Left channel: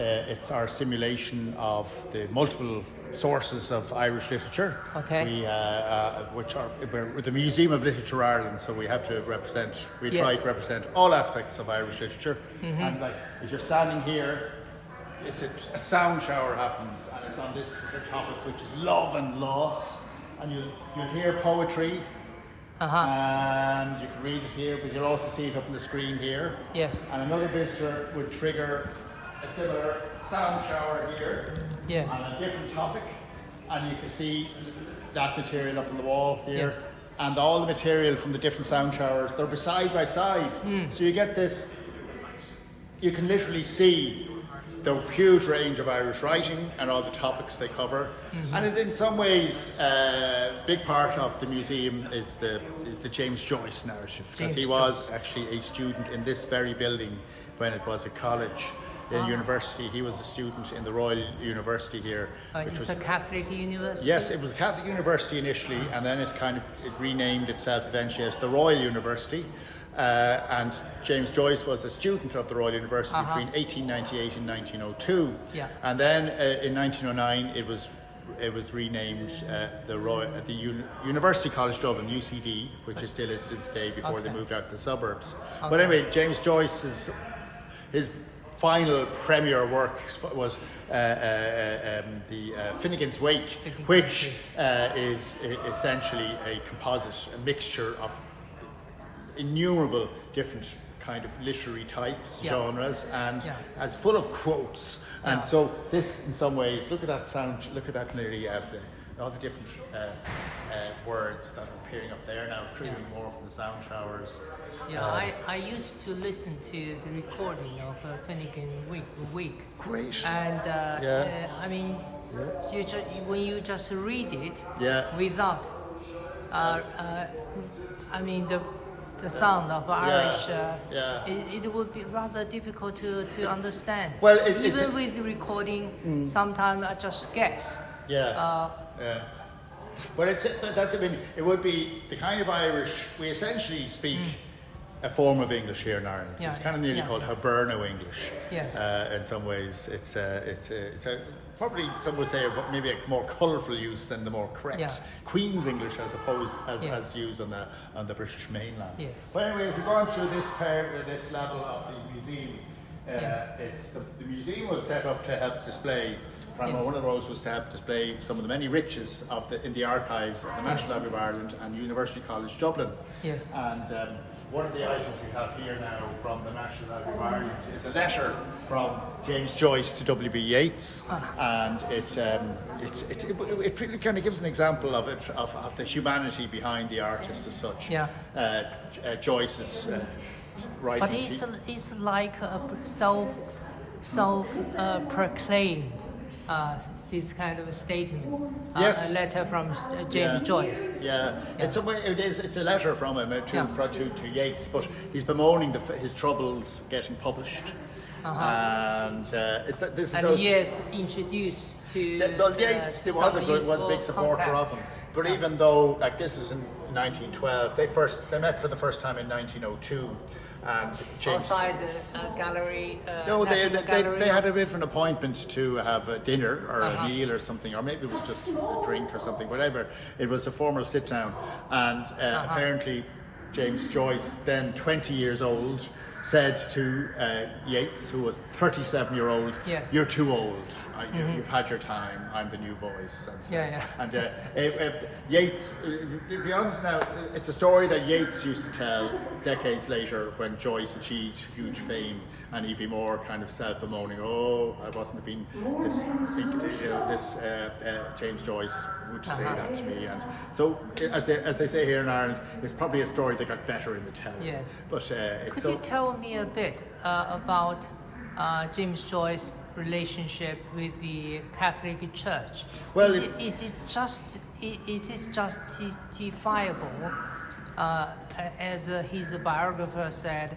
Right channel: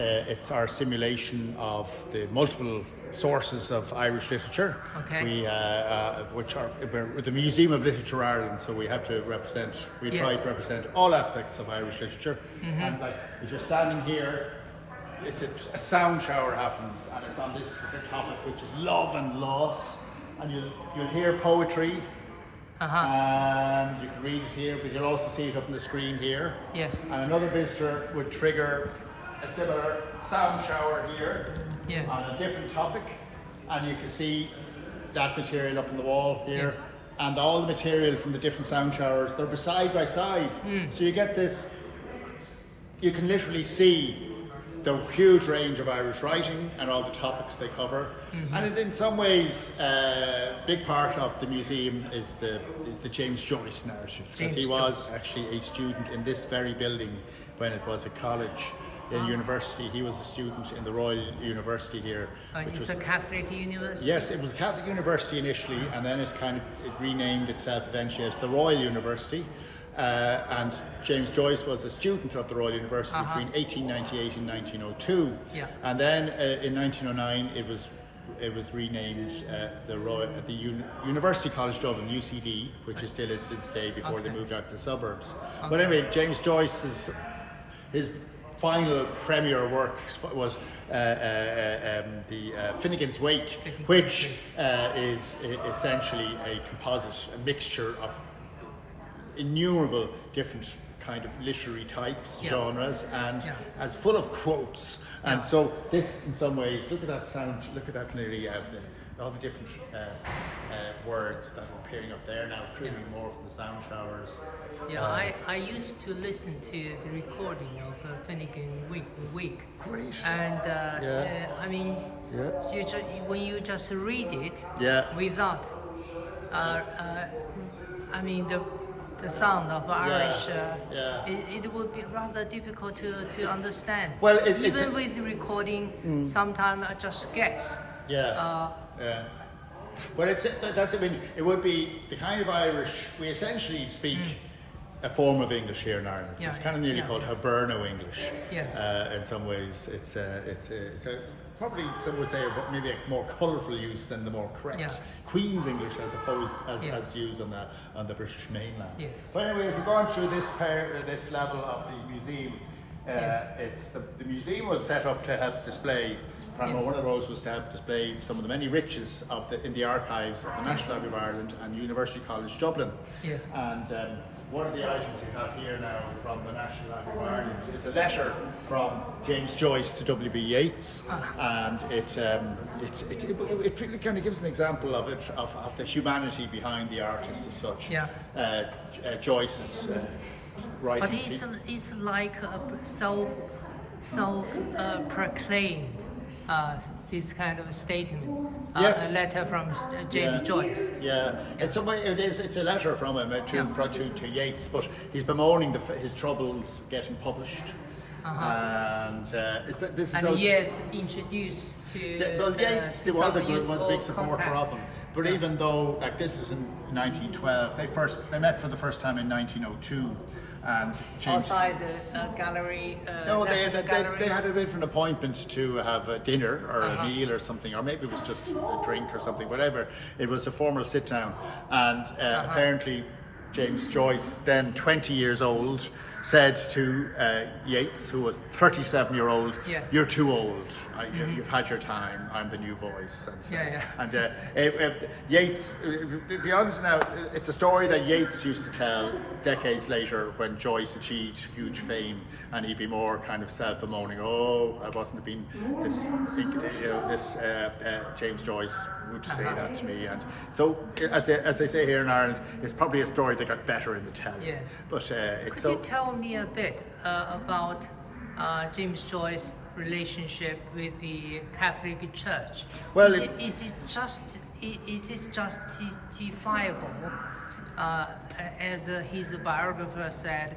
It's our simulation of the multiple sources of Irish literature. Okay. We're the Museum of Literature Ireland, so we have to represent. We try to represent all aspects of Irish literature. And like, as you're standing here, it's a sound shower happens, and it's on this particular topic, which is love and loss. And you'll hear poetry. And you can read it here, but you'll also see it up on the screen here. Yes. And another visitor would trigger a similar sound shower here on a different topic, and you can see that material up on the wall here, and all the material from the different sound showers. They're side by side, so you get this. You can literally see the huge range of Irish writing and all the topics they cover, and in some ways, a big part of the museum is the James Joyce narrative, because he was actually a student in this very building when it was a college. In university, he was a student in the Royal University here. It's a Catholic university? Yes, it was a Catholic university initially, and then it renamed itself eventually as the Royal University. And James Joyce was a student of the Royal University between 1898 and 1902. Yeah. And then in 1909, it was renamed the University College Dublin, UCD, which is still is to this day before they moved out to the suburbs. But anyway, James Joyce's his final premier work was the Finnegan's Wake, which is essentially a composite, a mixture of innumerable different kind of literary types, genres, and as full of quotes. And so this, in some ways, look at that sound, look at that nearly all the different words that are appearing up there now, triggering more from the sound showers. Yeah, I used to listen to the recording of Finnegan Wake. Great. And I mean, when you just read it without, I mean the sound of Irish, it would be rather difficult to understand. Well, even with the recording, sometimes I just guess. Well, it would be the kind of Irish we essentially speak. A form of English here in Ireland. It's kind of nearly called Hiberno English. Yes. In some ways, it's probably some would say maybe a more colourful use than the more correct Queen's English, as opposed as used on the British mainland. Yes. But anyway, if you're going through this level of the museum, it's the museum was set up to help display. One of the roles was to help display some of the many riches in the archives of the National Library of Ireland and University College Dublin. Yes. And one of the items we have here now from the National Library of Ireland is a letter from James Joyce to W.B. Yeats, and it really kind of gives an example of the humanity behind the artist as such. Joyce's writing. But it's like a self-proclaimed. This kind of a statement, a letter from James Joyce. It's a letter from him to Yeats, but he's bemoaning his troubles getting published. And Yeats introduced to Yeats was a big supporter of him. But even though, like, this is in 1912, they met for the first time in 1902. And James, outside the gallery. They had a bit of an appointment to have a dinner or a meal or something, or maybe it was just a drink or something. Whatever, it was a formal sit down, and apparently James Joyce, then 20 years old, said to Yeats, who was 37-year-old, "You're too old. You've had your time. I'm the new voice." And Yeats, to be honest now, it's a story that Yeats used to tell decades later when Joyce achieved huge fame, and he'd be more kind of self-bemoaning. "Oh, I wasn't being this big, this James Joyce would say that to me." And so, as they say here in Ireland, it's probably a story that got better in the telling. Yes. But could you tell me a bit about James Joyce's relationship with the Catholic Church? Well, is it justifiable, as his biographer said,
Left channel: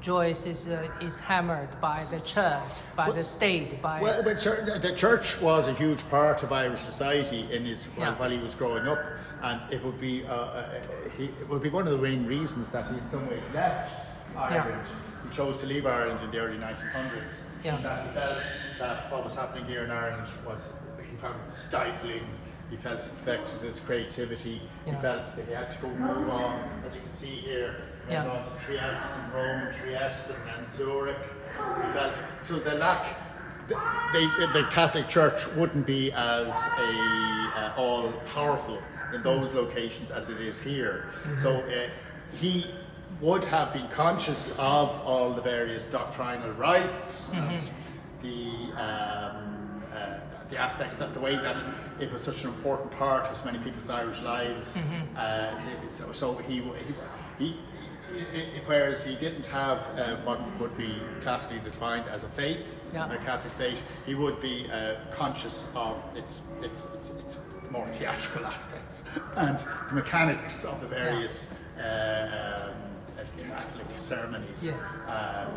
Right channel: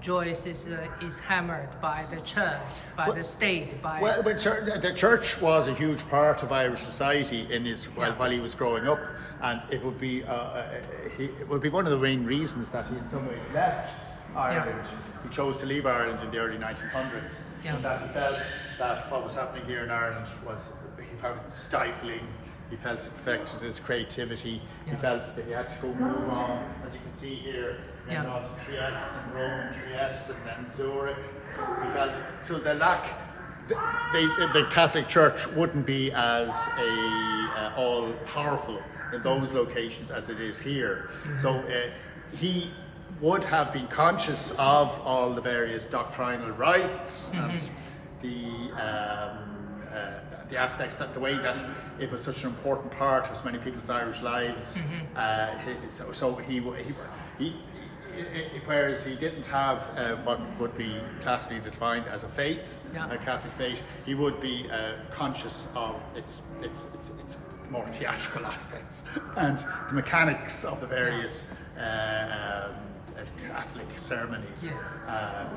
Joyce is hammered by the church, by the state. But the church was a huge part of Irish society while he was growing up, and it would be one of the main reasons that he in some ways left Ireland. He chose to leave Ireland in the early 1900s. And that he felt that what was happening here in Ireland was, he found it stifling. He felt it affected his creativity. He felt that he had to go move on, as you can see here, and then on to Trieste and Rome and Trieste and then Zurich. He felt so the Catholic Church wouldn't be as all powerful in those locations as it is here. So he would have been conscious of all the various doctrinal rights and the aspects, that the way that it was such an important part of many people's Irish lives. Whereas he didn't have what would be classically defined as a faith, a Catholic faith, he would be conscious of its more theatrical aspects and the mechanics of the various Catholic ceremonies,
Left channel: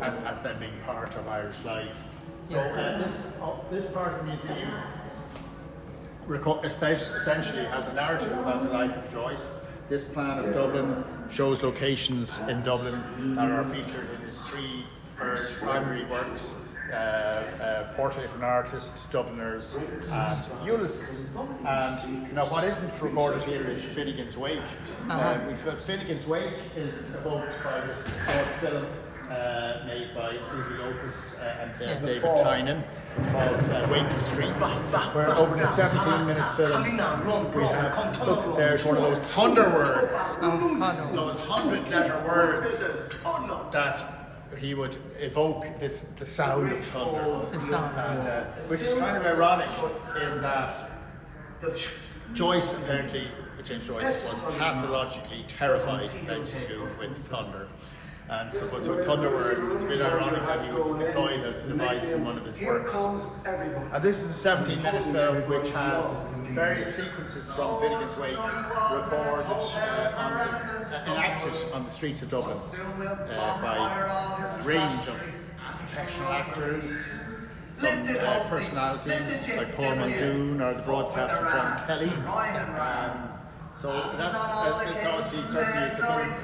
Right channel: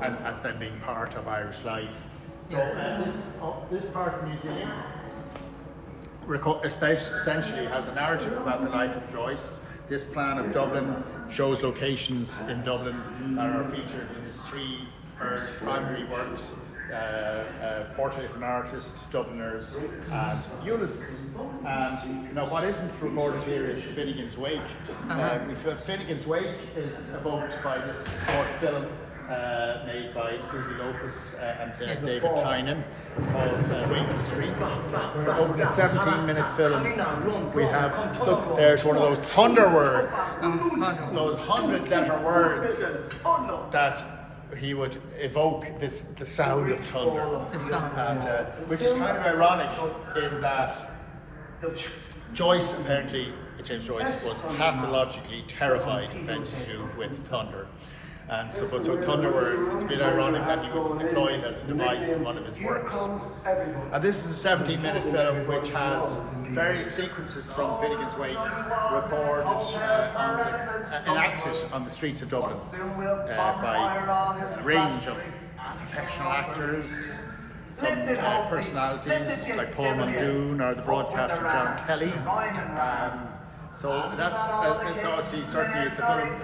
and as them being part of Irish life. So this part of the museum essentially has a narrative about the life of Joyce. This plan of Dublin shows locations in Dublin that are featured in his three primary works, Portrait of an Artist, Dubliners and Ulysses. And what isn't recorded here is Finnegan's Wake. Finnegan's Wake is evoked by this short film made by Susie Lopez and David Tynan. It's called Wake the Streets, where over the 17-minute film we have, look, there's one of those thunder words, those 100-letter words that he would evoke the sound of thunder, which is kind of ironic in that Joyce, apparently James Joyce, was pathologically terrified with thunder. And so thunder words, it's a bit ironic that he would employ it as a device in one of his works. And this is a 17-minute film which has various sequences from Finnegan's Wake recorded, enacted on the streets of Dublin by a range of professional actors, some personalities like Paul Muldoon or the broadcaster John Kelly. So that's it's obviously certainly it's a film which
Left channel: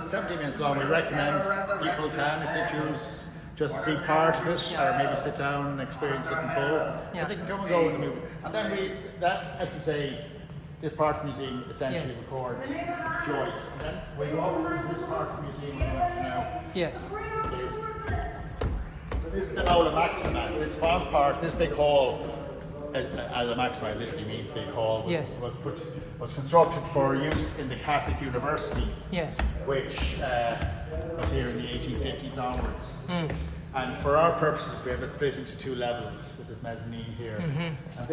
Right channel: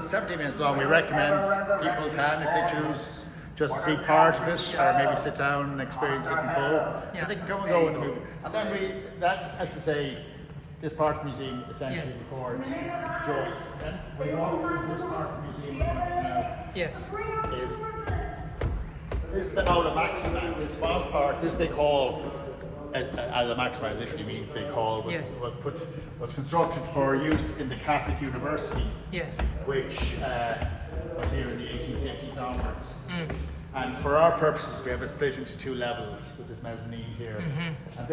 is 17 minutes long. We recommend people can, if they choose, just see part of it or maybe sit down and experience it in full. But they can come and go in the movie. And then as I say, this part of the museum essentially records Joyce. And then we go over this part of the museum now. Yes. This is the Aula Maxima. This was part, this big hall. Aula Maxima literally means big hall. Was constructed for use in the Catholic University, which was here in the 1850s onwards. And for our purposes, we have it split into two levels with this mezzanine here. And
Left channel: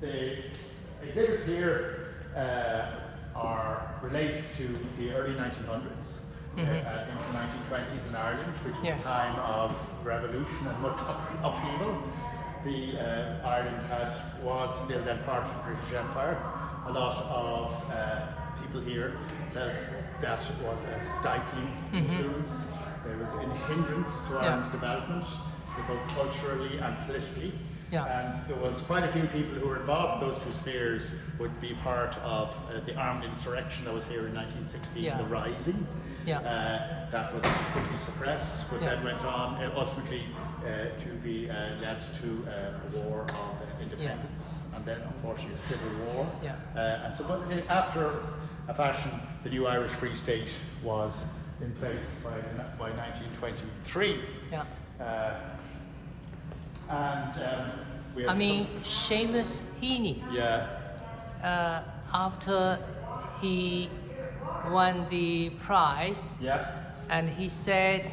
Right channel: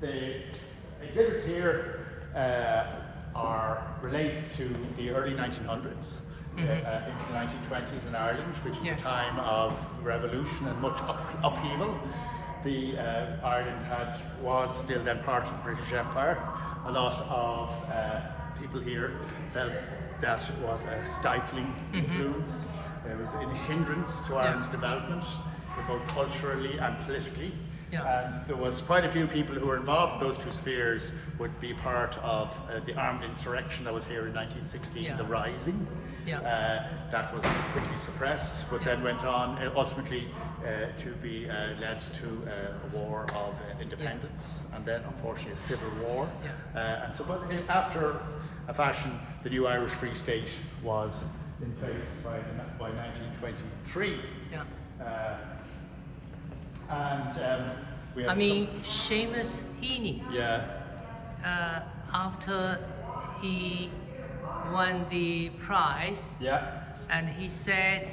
the exhibits here are related to the early 1900s. Into the 1920s in Ireland, which is a time of revolution and much upheaval. Ireland was still then part of the British Empire. A lot of people here felt that was a stifling influence. There was a hindrance to Ireland's development, both culturally and politically. And there was quite a few people who were involved in those two spheres would be part of the armed insurrection that was here in 1916, the Rising. That was quickly suppressed, but then went on ultimately to be led to a war of independence, and then unfortunately a civil war. And so, but after a fashion, the new Irish Free State was in place by 1923. We have Seamus Heaney. After he won the prize, and he said,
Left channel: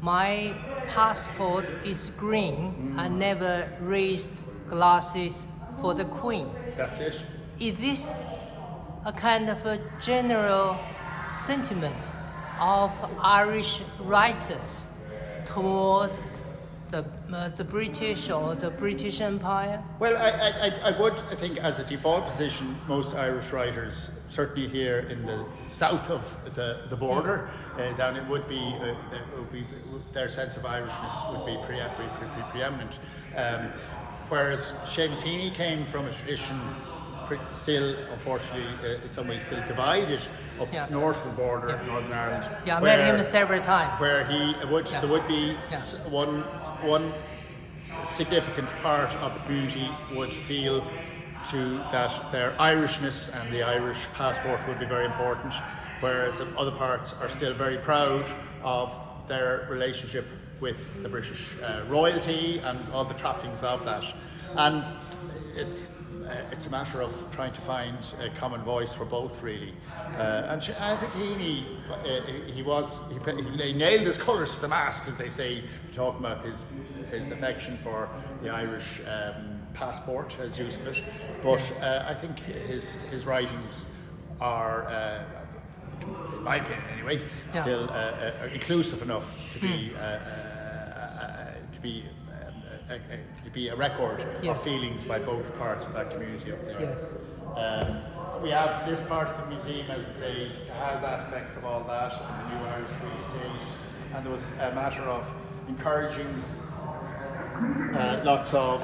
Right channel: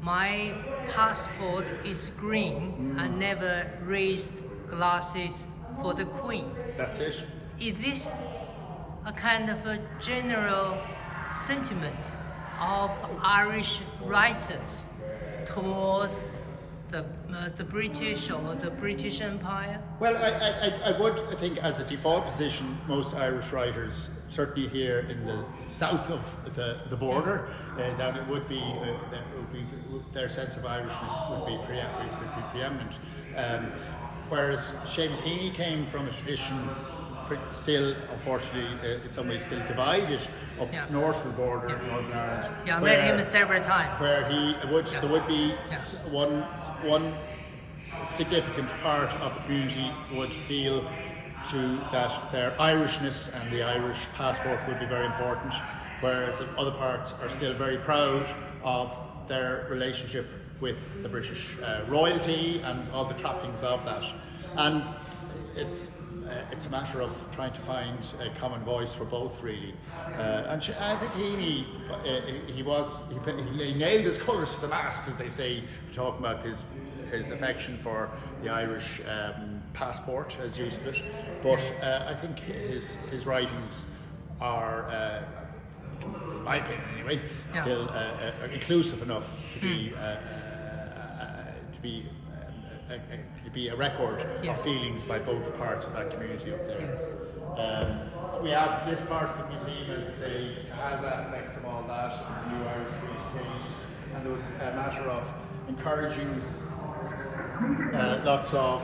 "My passport is green. I never raised glasses for the Queen." That's it. Is this a kind of a general sentiment of Irish writers towards the British or the British Empire? Well, I think as a default position, most Irish writers, certainly here in the south of the border, down it would be their sense of Irishness would be preeminent. Whereas Seamus Heaney came from a tradition still, unfortunately, in some ways still divided up north of the border of Northern Ireland. Yeah, I met him several times. Where there would be one significant part of the community would feel that their Irishness and the Irish passport would be very important, whereas other parts are still very proud of their relationship with the British royalty and all the trappings of that. And it's a matter of trying to find a common voice for both, really. And I think he nailed his colours to the mast, as they say, talking about his affection for the Irish passport, as use of it. But I think his writings are, in my opinion anyway, still inclusive enough to be a record of feelings by both parts of that community up there. Yes. We have this part of the museum, as I say, has aspects of all that, and the new Irish Free State, and there was a matter of encouraging lots of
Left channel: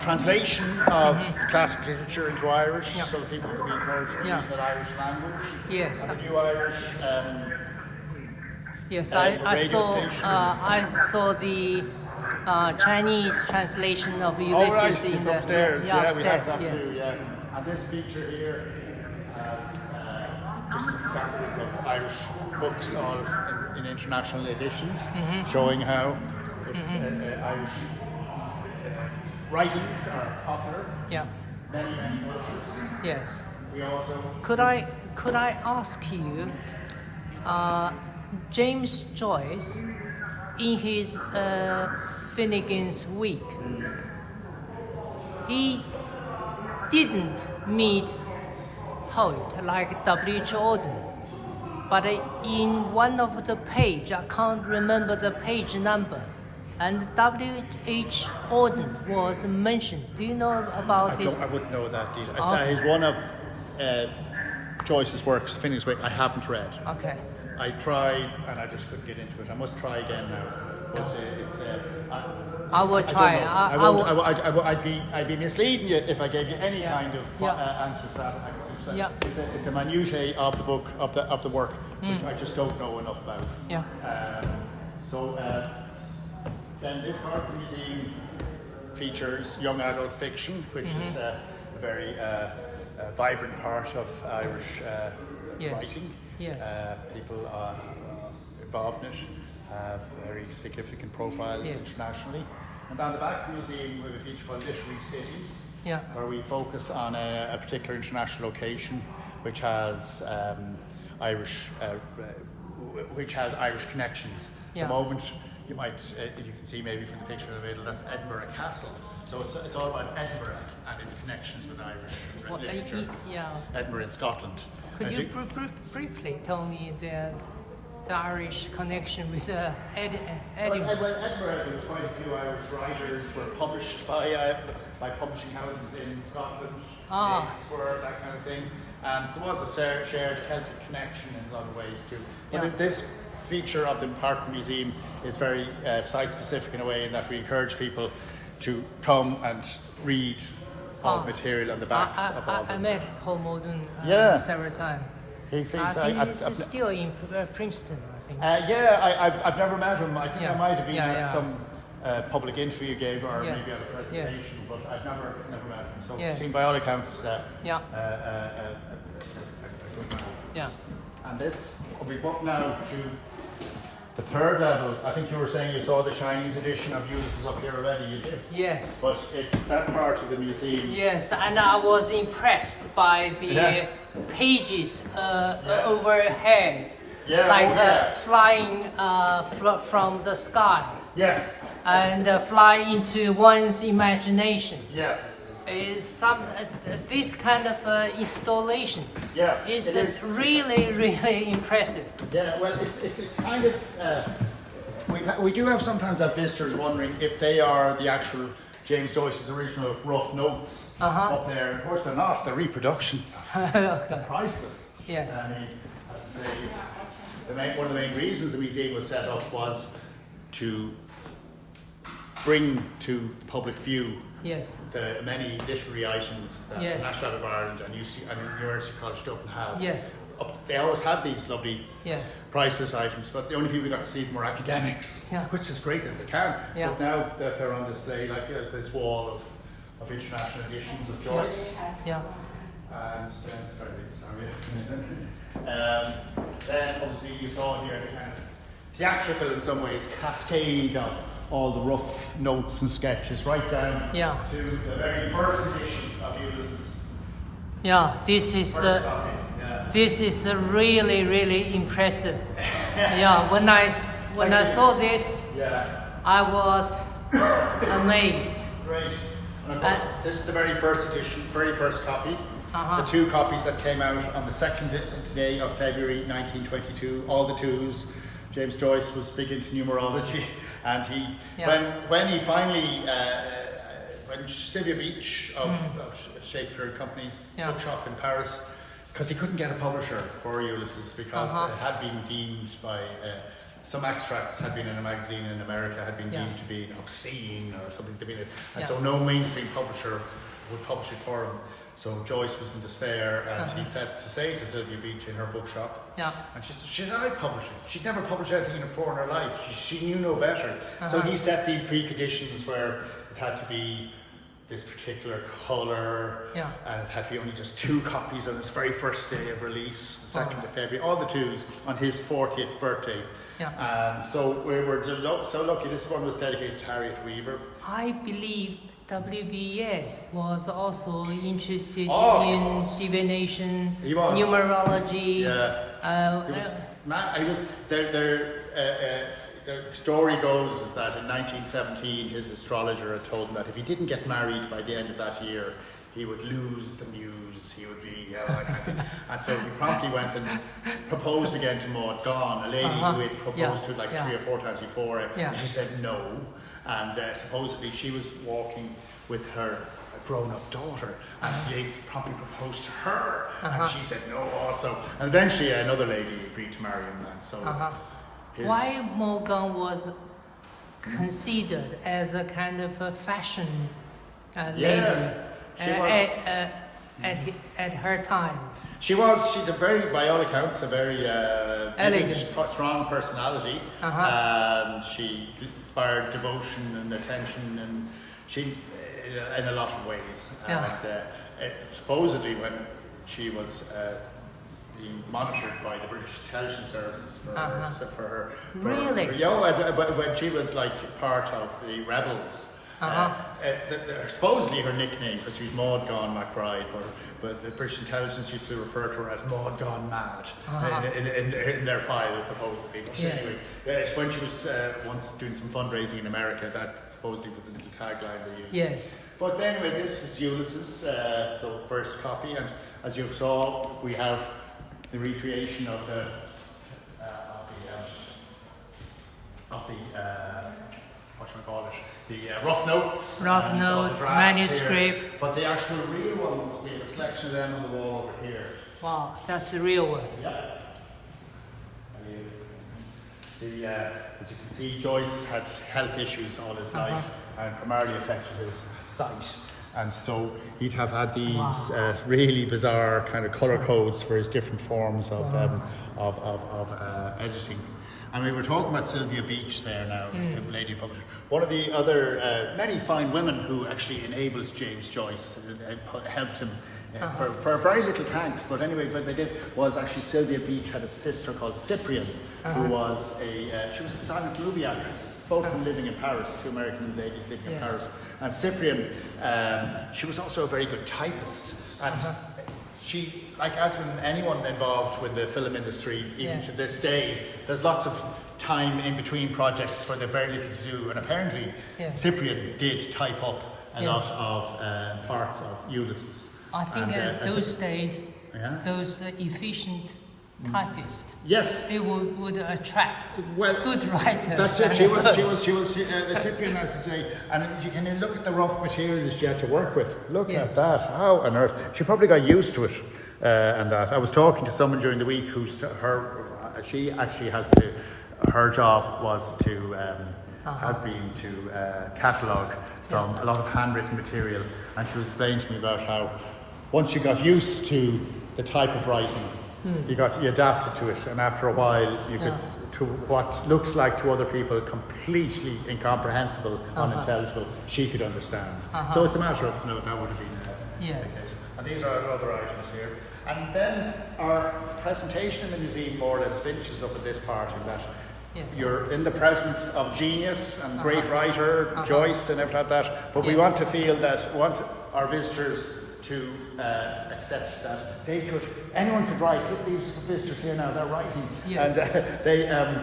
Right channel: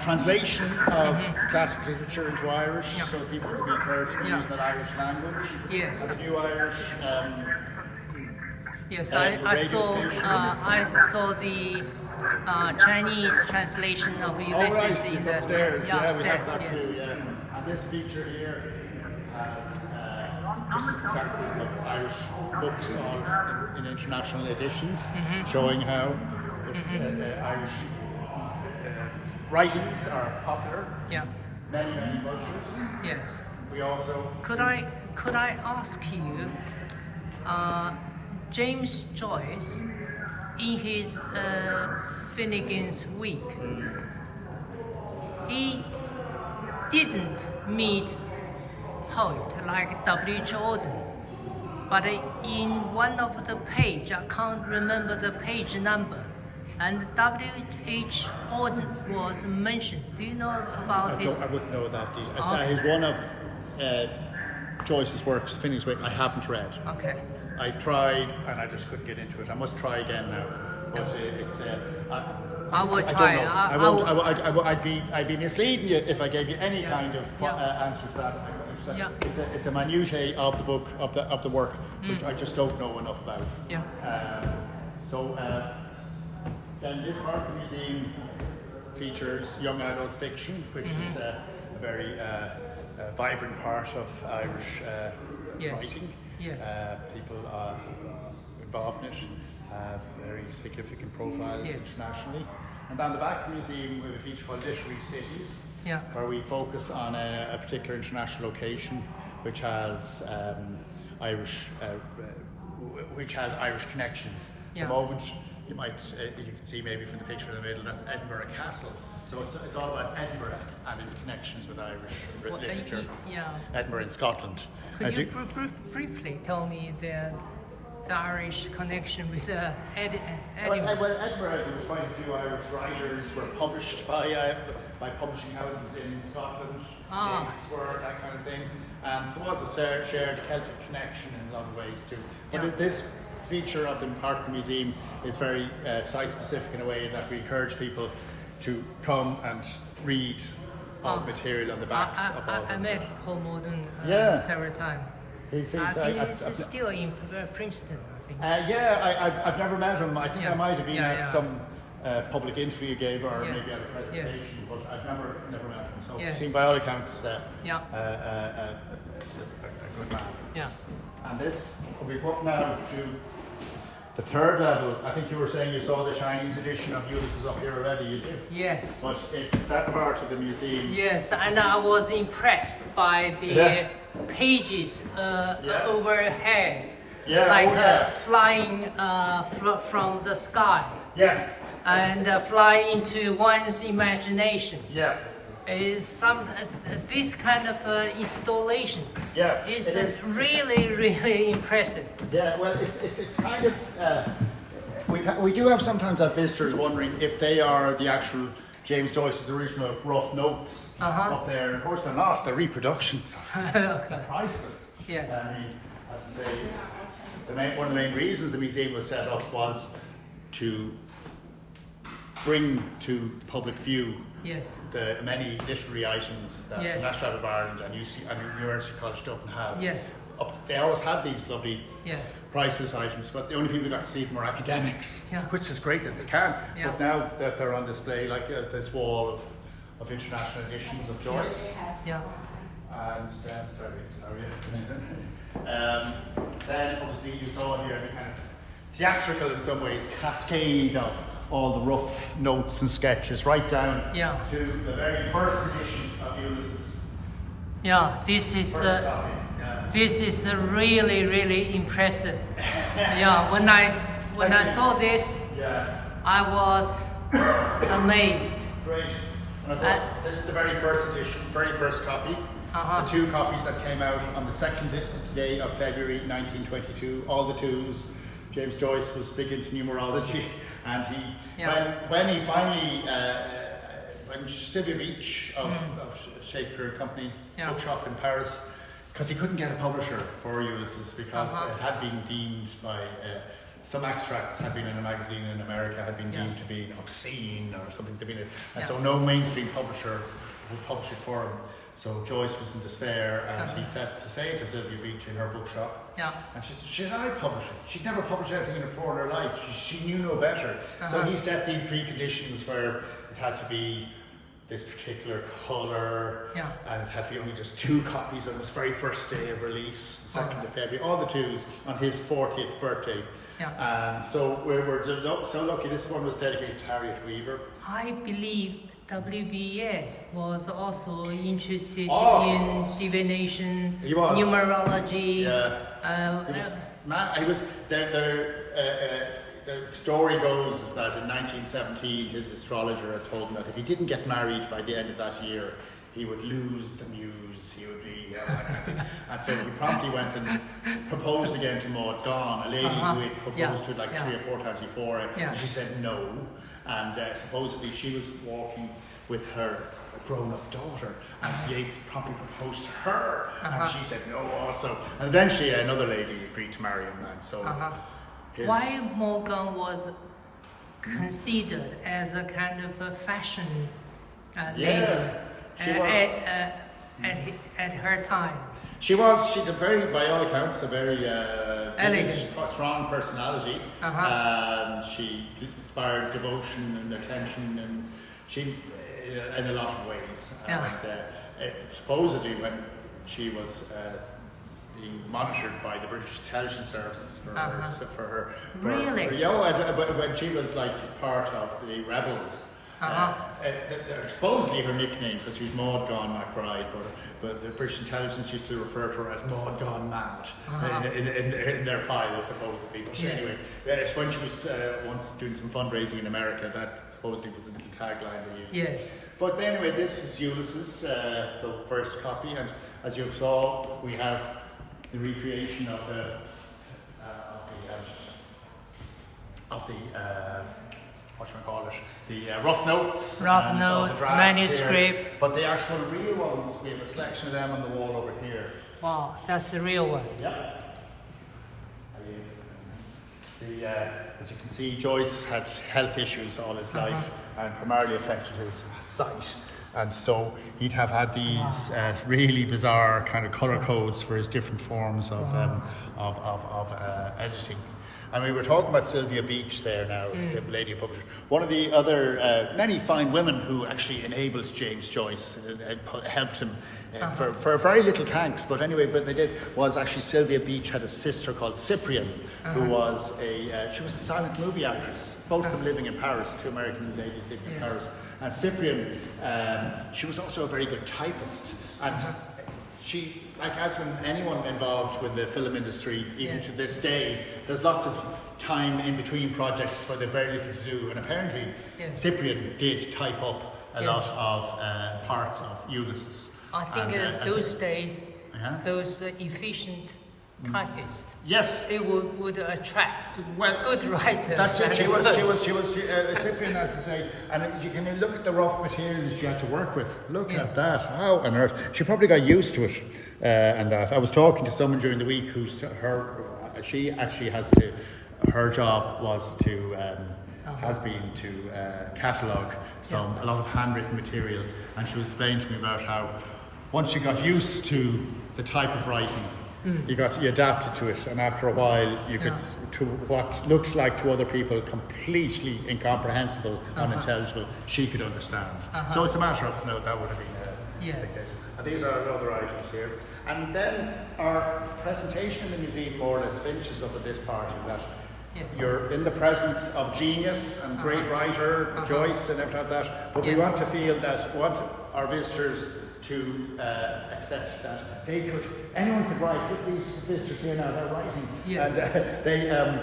translation of classic literature into Irish, so that people could be encouraged to use that Irish language. Yes. And the new Irish. Yes, I saw the Chinese translation of Ulysses in the upstairs. upstairs. We have that too. Yeah. And this feature here has just examples of Irish books, all in international editions, showing how Irish writings are popular. Yeah. Many cultures. Yes. We also could I ask you, James Joyce, in his Finnegan's Week, he didn't meet poet like W.H. Auden, but in one of the page, I can't remember the page number, and W.H. Auden was mentioned. Do you know about this? I wouldn't know that detail. That is one of Joyce's works, Finnegan's Wake, I haven't read. Okay. I tried and I just couldn't get into it. I must try again now. But I will try. I don't know. I'd be misleading you if I gave you any kind of answer to that. It's a minutiae of the book, of the work, which I just don't know enough about. Yeah. Then this part of the museum features young adult fiction, which is a very vibrant part of Irish writing. Yes. People are involved in it, have very significant profiles internationally. And down the back of the museum we have a feature called Literary Cities, where we focus on a particular international location which has Irish connections. At the moment, you can see maybe from the picture in the middle, that's Edinburgh Castle. So it's all about Edinburgh and its connections with Irish literature. Edinburgh in Scotland. Could you briefly tell me the Irish connection with Edinburgh? Well, Edinburgh, there was quite a few Irish writers were published by publishing houses in Scotland, Oxford, that kind of thing. And there was a shared Celtic connection in a lot of ways too. But this feature of the part of the museum is very site-specific in a way in that we encourage people to come and read all the material on the backs of all I met Paul Moden several times. He's still in Princeton, I think. I've never met him. I think I might have been at some public interview you gave, or maybe at a presentation, but I've never met him. So he seemed by all accounts a good man. Yeah. And this will be put now to the third level. I think you were saying you saw the Chinese edition of Ulysses up here already, you did? Yes. But it's that part of the museum. Yes, and I was impressed by the pages overhead. Flying from the sky. Yes. And fly into one's imagination. Yeah. Is this kind of installation is really impressive. Yeah, well, it's kind of we do have sometimes have visitors wondering if they are the actual James Joyce's original rough notes up there. Of course, they're not. They're reproductions. They're priceless. Yes. I mean, as I say, one of the main reasons the museum was set up was to bring to the public view yes. the many literary items that yes. the National Library of Ireland and University College Dublin have. Yes. They always had these lovely yes. priceless items, but the only people who got to see them were academics, yeah. which is great that they can. Yeah. But now that they're on display, like this wall of international editions of Joyce. Yeah. And then obviously you saw here a kind of theatrical in some ways cascade of all the rough notes and sketches right down to the very first edition of Ulysses. Yeah, this is really, really impressive. Yeah, when I saw this, I was amazed. Great. And of course, this is the very first edition, very first copy. The two copies that came out on the 2nd day of February 1922, all the twos. James Joyce was big into numerology, and he, when he finally, when Sylvia Beach of Shakespeare Company Bookshop in Paris, because he couldn't get a publisher for Ulysses because it had been deemed by some extracts had been in a magazine in America had been deemed to be obscene or something to be, and so no mainstream publisher would publish it for him. So Joyce was in despair, and he said to Sylvia Beach in her bookshop, and she said, I'd publish it. She'd never published anything before in her life. She knew no better. So he set these preconditions where it had to be this particular colour, and it had to be only just 2 copies on its very first day of release, the 2nd of February, all the twos on his 40th birthday. And so we were so lucky. This one was dedicated to Harriet Weaver. I believe WBS was also interested in divination, numerology. The story goes is that in 1917 his astrologer had told him that if he didn't get married by the end of that year, he would lose the muse, he would be... and so he promptly went and proposed again to Maud Gonne, a lady who had proposed to like 3 or 4 times before it. She said no, and supposedly she was walking with her grown-up daughter, and Yeats promptly proposed to her, and she said no also. And eventually another lady agreed to marry him, and so... Why Maud Gonne was considered as a kind of a fashion lady at her time? She's a very, by all accounts, a very elegant, strong personality, and she inspired devotion and attention, and she, in a lot of ways. And supposedly, when she was being monitored by the British intelligence services for her, when she was like part of the rebels. Supposedly her nickname, because she was Maud Gonne MacBride, but the British intelligence used to refer to her as Maud Gonne Mad in their files, supposedly. But anyway, it's when she was once doing some fundraising in America, that supposedly was the little tagline they used. Yes. But anyway, this is Ulysses, so first copy, and as you saw, we have the recreation of the rough notes, manuscript. Here. But the actual real ones, we have a selection of them on the wall over here. Wow, that's the real one. Yep. As you can see, Joyce had health issues all his life, and primarily affected his sight. And so he'd have had these really bizarre kind of colour codes for his different forms of editing. And we were talking about Sylvia Beach there now, the lady publisher. One of the other many fine women who actually enabled James Joyce and helped him for very little thanks. But anyway, what they did was actually Sylvia Beach had a sister called Cyprian, who was she was a silent movie actress. Both of them living in Paris, 2 American ladies living in Paris. And Cyprian, she was also a very good typist. And she, like as with anyone involved with the film industry, even to this day, there's lots of time in between projects where there's very little to do. And apparently, Cyprian did type up a lot of parts of Ulysses. I think those days, those efficient typists, they would attract good writers. That's it. She was Cyprian, as I say, and you can look at the rough materials she had to work with. Look at that! How on earth? She probably got used to it, and that. I was talking to someone during the week who's she actually has to. Her job was to has been to catalogue a lot of handwritten material, and she was explaining to me about how once you got used to the type of writing, you adapted to it, and after a while you could to what looked like to other people completely incomprehensible, unintelligible, she could understand. So it's a matter of that would have been the case. And these are other items here. And then our presentation in the museum more or less finishes up at this part in that you're in the presence of genius and great writer, Joyce and everything like that, but we want to feel that, we want our visitors to accept that anyone could write. These visitors here now, they're writing. And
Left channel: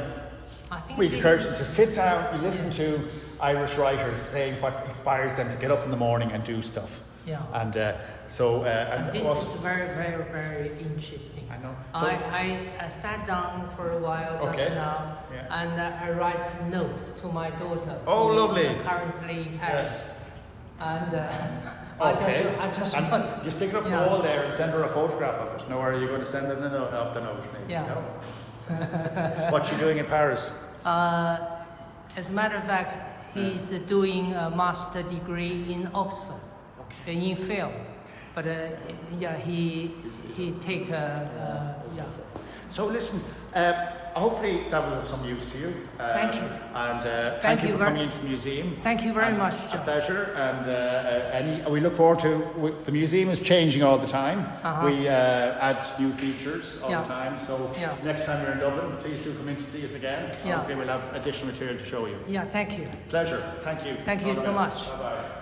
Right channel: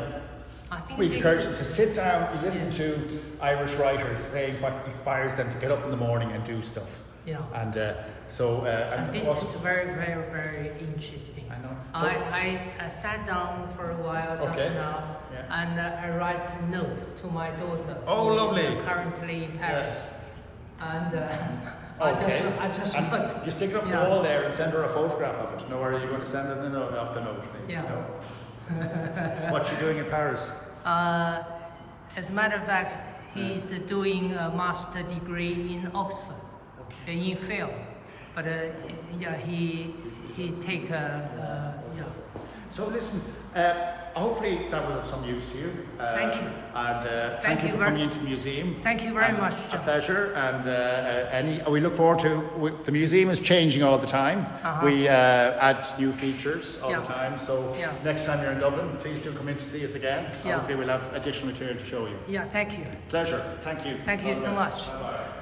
we encourage them to sit down, you listen to Irish writers saying what inspires them to get up in the morning and do stuff. And and this is very, very, very interesting. I sat down for a while just now, and I write a note to my daughter, who is currently in Paris. And I just wrote. You stick it up on the wall there and send her a photograph of it. Or are you going to send her off the note? Maybe? No. What's she doing in Paris? As a matter of fact, he's doing a master degree in Oxford, in film. But he take So listen, hopefully that will have some use to you. Thank you. And thank you for coming into the museum. Thank you very much. A pleasure. And we look forward to, the museum is changing all the time. We add new features all the time. So next time you're in Dublin, please do come in to see us again. Hopefully we'll have additional material to show you. Thank you. Pleasure. Thank you. Thank you so much. Bye-bye.